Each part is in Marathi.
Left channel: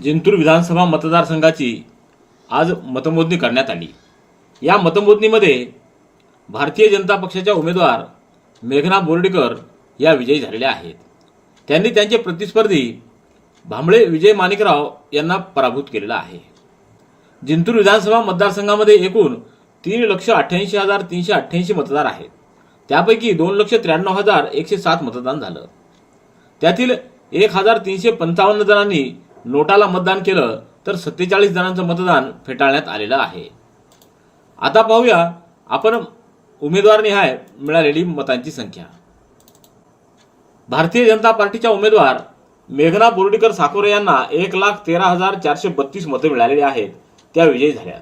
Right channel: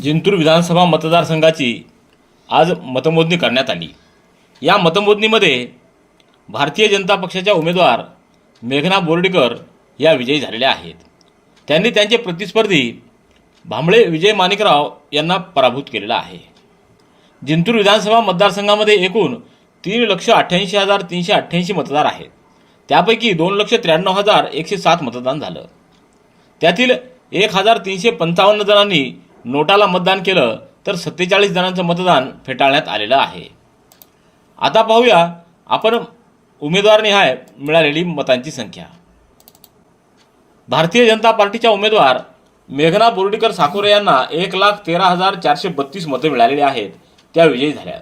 जिंतूर विधानसभा मतदारसंघाची आज मतमोजणी करण्यात आली. या मतमोजणीमध्ये भारतीय जनता पक्षाच्या उमेदवार मेघना बोर्डीकर या विजयी झालेल्या आहेत. त्यांनी त्यांचे प्रतिस्पर्धी भांबळे विजय माणिकराव यांना पराभूत केलेला आहे. जिंतूर विधानसभा मतदारसंघामध्ये एकूण तीन लक्ष अठ्ठ्याऐंशी हजार तीनशे अठ्ठ्याऐंशी मतदार आहेत. त्यापैकी दोन लक्ष त्र्याण्णव हजार एकशे सात मतदान झालं. त्यातील एक हजार तीनशे पंचावन्न जणांनी नोटाला मतदान केलं तर सत्तेचाळीस जणांचं मतदान फेटाळण्यात आलेलं आहे. आता पाहूया आपण उमेदवारनिहाय मिळालेली मतांची संख्या. भारतीय जनता पार्टीच्या उमेदवार मेघना बोर्डीकर साकोरे यांना एक लाख तेरा हजार चारशे बत्तीस मतं मिळालेली आहेत. त्या विजयी झाल्यात.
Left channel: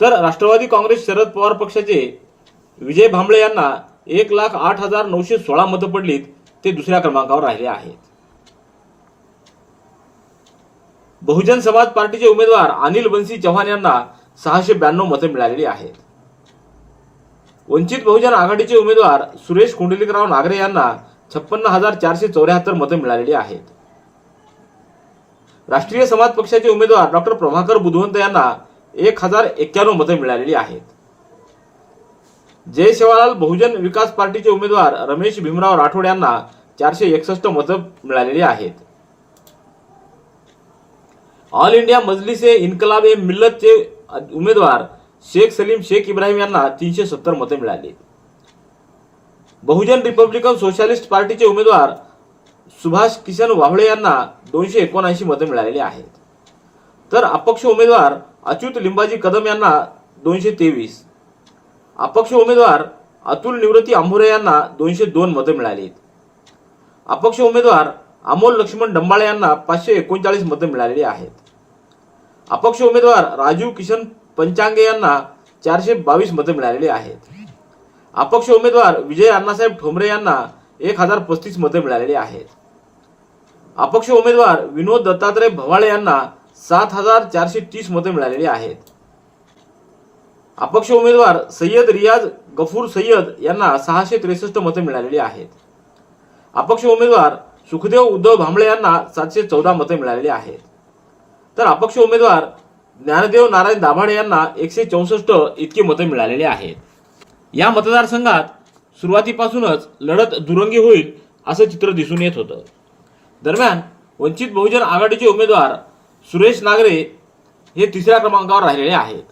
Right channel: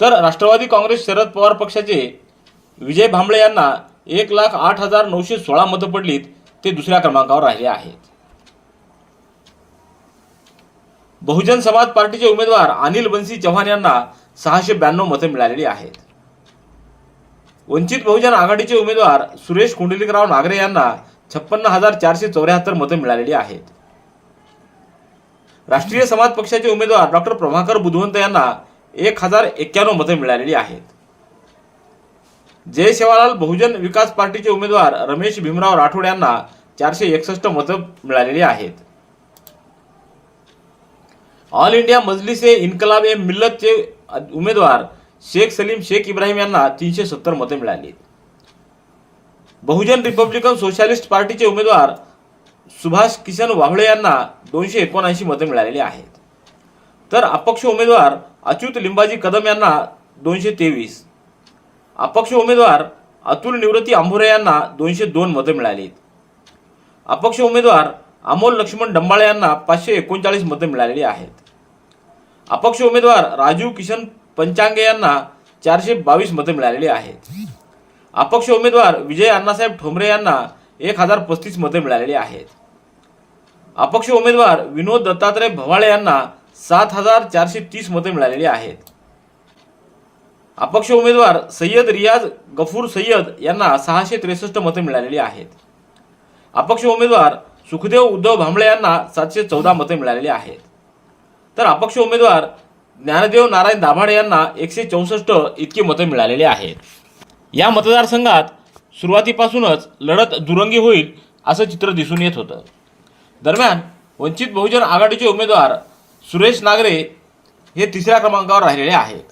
तर राष्ट्रवादी काँग्रेस शरद पवार पक्षाचे विजय भांबळे यांना एक लाख आठ हजार नऊशे सोळा मतं पडलीत ते दुसऱ्या क्रमांकावर राहिले आहेत. बहुजन समाज पार्टीचे उमेदवार अनिल बन्सी चव्हाण यांना सहाशे ब्याण्णव मते मिळालेली आहेत. वंचित बहुजन आघाडीचे उमेदवार सुरेश कुंडलिकराव नागरे यांना छप्पन्न हजार चारशे चौऱ्याहत्तर मते मिळालेली आहेत. राष्ट्रीय समाज पक्षाचे उमेदवार डॉक्टर प्रभाकर बुधवंत यांना एक हजार एक्क्याण्णव मते मिळालेली आहेत. जय सेवालाल बहुजन विकास पार्टीचे उमेदवार रमेश भीमराव राठोड यांना चारशे एकसष्ट मतं मिळालेली आहेत. ऑल इंडिया मजलिस ए इन्कलाब ए मिल्लतचे उमेदवार शेख सलीम शेख इब्राहिम यांना तीनशे सत्तर मते मिळाली. बहुजन रिपब्लिकन सोशालिस्ट पार्टीचे उमेदवार सुभाष किशन वावळे यांना दोनशे एकोणऐंशी मते मिळालेली आहेत. तर अपक्ष उमेदवार अच्युत लिंबाजी कदम यांना दोनशे तेवीस. अपक्ष उमेदवार अतुल निवृत्ती आंभोरे यांना दोनशे दोन मते मिळालीत. अपक्ष उमेदवार अमोल लक्ष्मण डंबाळे यांना पाचशे एकोणचाळीस मतं मिळालेली आहेत. अपक्ष उमेदवार राजू किशन पंचांगे यांना चारशे बावीस मतं मिळालेली आहेत. अपक्ष उमेदवार विजय अण्णासाहेब ठोंबरे यांना एक हजार पस्तीस मतं मिळालेली आहेत. अपक्ष उमेदवार विनोद दत्तात्रय भवाळे यांना सात हजार चारशे तीस मतं मिळालेली आहेत. अपक्ष उमेदवार सय्यद रियाज गफूर सय्यद यांना सहाशे त्रेसष्ट मतं मिळालेली आहेत. अपक्ष उमेदवार सुखदेव उद्धव भांबळे यांना सातशे चौदा मते मिळालेली आहेत. तर अपक्ष उमेदवार ज्ञानदेव नारायण दाभाडे यांना एकशे चौसष्ट इतकी मतं मिळालेली आहेत. या मतदारसंघात सुरुवातीपासूनच लढत दुरंगी होईल असं चित्र दिसून येत होतं. दरम्यान वंचित बहुजन आघाडीचे उमेदवार सुरेश नागरे हे तिसऱ्या क्रमांकावर राहिलेले आहेत.